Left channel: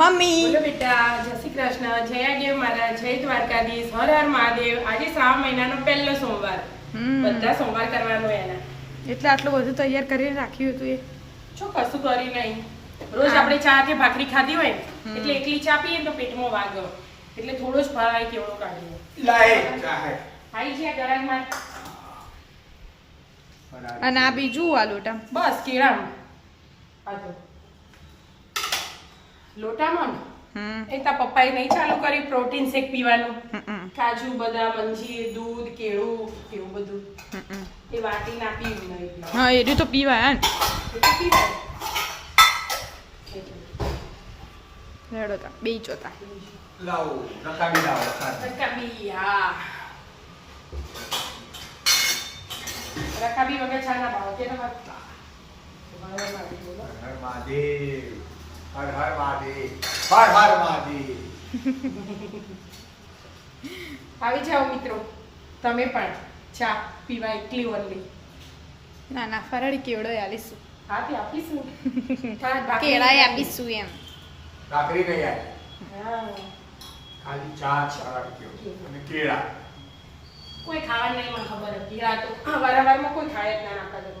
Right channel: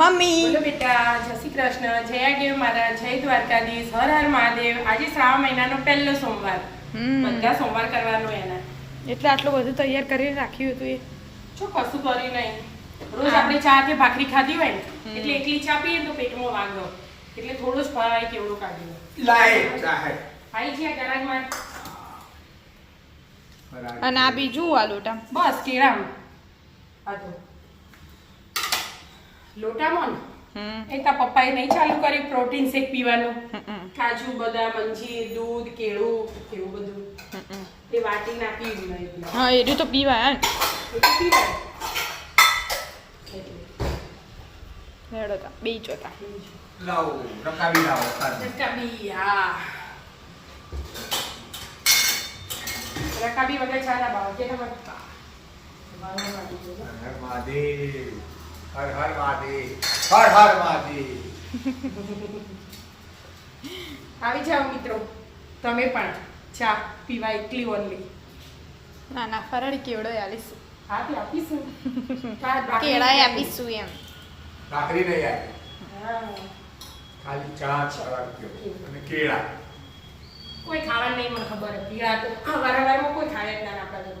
Mummy. બેટા જય શ્રી કૃષ્ણ જય આગેવ મારા જય દ્વારકાધીશ હર હર મહાદેવ. આજે શ્રાવણ મહિનાનો પહેલો સોમવાર. બધા સોમવાર કરવાનો એના. એટલે આટલું બધું તૈયાર કરીને રાખ્યું હતું એ? છો કશું કર્યું નહીં. રોજ આપણે ચા કે ભાખરી ખાધી હોય ને એટલે એકલી ચા પીએ તો પેટમાં વાગો. એટલે થોડું જ ફરાય કેવડું કાઢી લાય આવી છે ગરાગમાં અને આ બીજું આ લોટા બસ કેળામ આ જો. લોટામાં ને. હમ. એ પપ્પાએ નહીં ચાલુ કર્યું પ્રોટીન શેક પીવાનું. કાજુ બદામ અંજીર દૂધ કેળું એવું બધું. એ વાટી નાખી પીવું હા એટલું તો પીવાય ને એ તો પીવાય. એટલે. તા બે ચોતા લાવો રકાબી લાવો રકાબી રકાબી હા. રકાબી વગર ચા ના ભાવે કે હર મહાદેવ. હર હર મહાદેવ હર હર મહાદેવ. આવી જાઓ મિત્રો તમે પણ ચા પીવા એકલી ઓનલી ના ના ફરાળી કેવડો આલીશું હા તે આપીશું. કેળા આપીશું એમ. ભાખરી નહીં આવે હા. ખાલી ચા ચડાવી અને કેળા. કોઈ ખાવા નહીં મને ખબર હતી. આ તો વારંવારમાં કોઈ ખાય જ ના ઘરમાં